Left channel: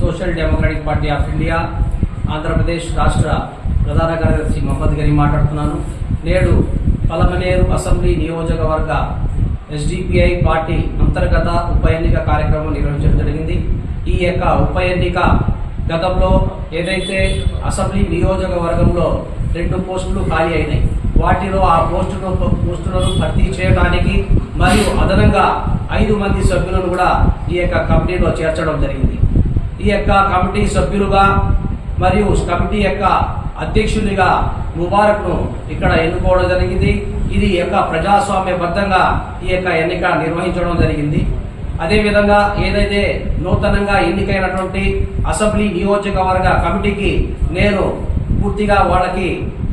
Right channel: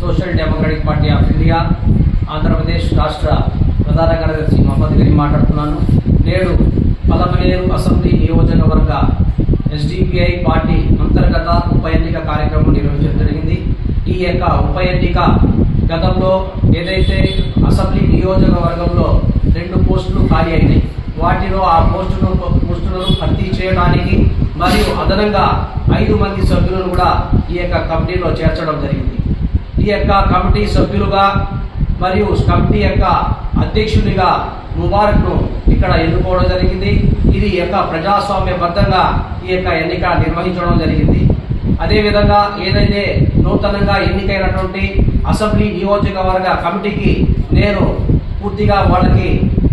Social democratic party of India Andhra Pradesh రాష్ట్ర ప్రధాన కార్యదర్శి మహమ్మద్ గని మాట్లాడుతున్నాను. నేడు పలమనేరు అసెంబ్లీ నియోజకవర్గ ఎస్డిపిఐ పార్టీ అంతర్గత ఉప ఎన్నిక కార్యక్రమం నిర్వహించడం జరిగింది. ఈ యొక్క ఉప ఎన్నిక గతంలో ఏదైతే అసెంబ్లీ నియోజకవర్గంలో రెండు పోస్టులు ఖాళీ అయినాయి వాటిలో ఆ పోస్టును పోస్టులను భర్తీ చేయడానికి మరియు అదనంగా ఐదు మంది సభ్యులను కూడా ఈ యొక్క కమిటీలో చేర్చడం జరిగింది. ఈ యొక్క కమిటీ సభ్యులుగా మరియు కమిటీ యొక్క అధ్యక్షునిగా ముబారక్ను ఇక్కడ ఎన్నుకోవడం జరిగింది. ఇది యొక్క ప్రజాస్వామ్యబద్ధంగా ఈ యొక్క ఎన్నిక నిర్వహించడం జరిగింది. అదేవిధంగా ఏదైతే నూతనంగా ఎన్నికైనటువంటి అసెంబ్లీ నియోజకవర్గ కమిటీకి నేను పూర్తిగా వాళ్ళకి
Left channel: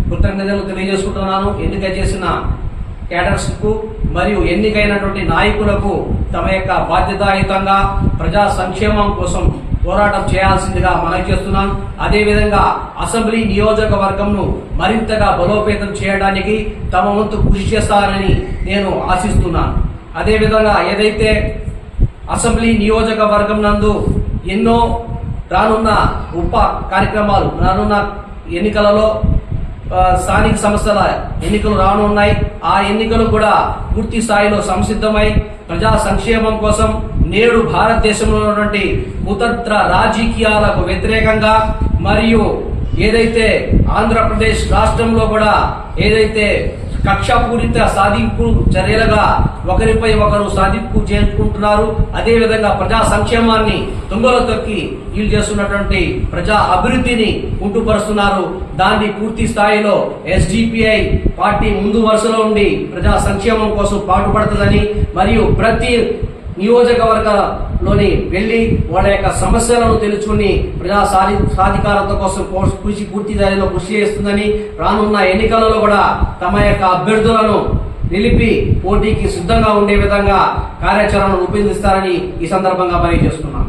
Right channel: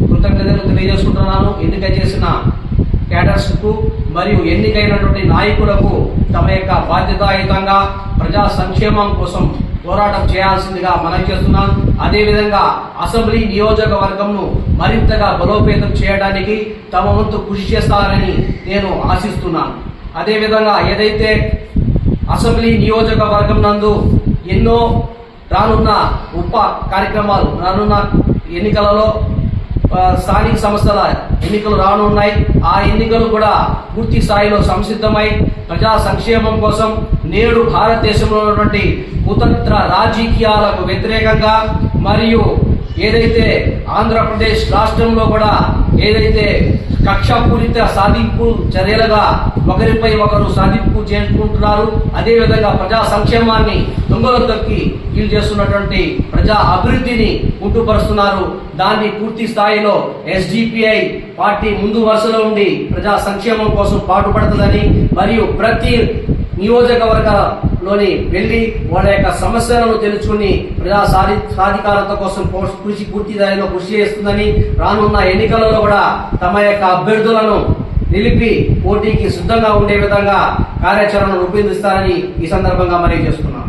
కృతజ్ఞతలు తెలియజేసుకుంటున్నాను. ఎన్నిక చేసిన క్యాడర్స్కు మరియు ఎన్నికైనటువంటి నాయకులకు తమ యొక్క బాధ్యతాయుతంగా ప్రజా సంక్షేమం కోసం పోరాటం చేయాల్సిందిగా మనవి చేస్తున్నాం. అదేవిధంగా అసెంబ్లీ నియోజకవర్గంను మరింతగా బలోపేతం చేయడానికి తమ వంతు కృషి చేస్తారని నేను ఆశిస్తున్నాను. అదేవిధంగా ఏదైతే అసెంబ్లీ నియోజకవర్గం నందు ఎన్నో రానున్న ఉప కార్యక్రమాలు రానున్న ఎన్నికలలో స్థానిక సంస్థల ఎన్నికలు రానున్నాయి ఆ ఎన్నికలు కూడా పూర్తి స్థాయిలో సంసిద్ధమై ప్రజా సంక్షేమం కోసం నేడు భారతదేశంలో ఉన్నటువంటి కుతంత్ర రాజకీయాలకు వ్యతిరేకంగా మరియు ఏదైతే ఆంధ్రప్రదేశ్ రాష్ట్రంలో కూడా ఏదైతే కక్షాపూరిత సాధింపు చర్యలుగా ఒకరిపై ఒకరు సాధింపు చేసుకుంటున్నారు. అదేవిధంగా ప్రజా సంక్షేమాన్ని దొంగలు తొక్కి వీళ్ళు చేస్తున్నటువంటి ప్రజా అభివృద్ధిని ఉంటుపరుస్తున్నారు దాన్ని పూర్తి స్థాయిలో ఎస్డిపిఐ పార్టీ ముందు వరుసలో ఉండి ప్రజా సంక్షేమం కోసం పాటుపడుతుందని మరియు ప్రతి నియోజకవర్గంలోని వెళ్ళి వాళ్ళ యొక్క సమస్యలను తెలుసుకుని ప్రజా సాధి సాధికారత కోసం కృషి పూర్తి స్థాయిలో కృషి చేస్తుందని రానున్న ఎన్నికలలో కూడా తమ యొక్క అభ్యర్థులను నిలిపి పోటీకి సిద్ధంగా ఉండే విధంగా కార్యాచరణను రూపొందిస్తారని ఈ సందర్భంగా తెలియజేస్తున్నాను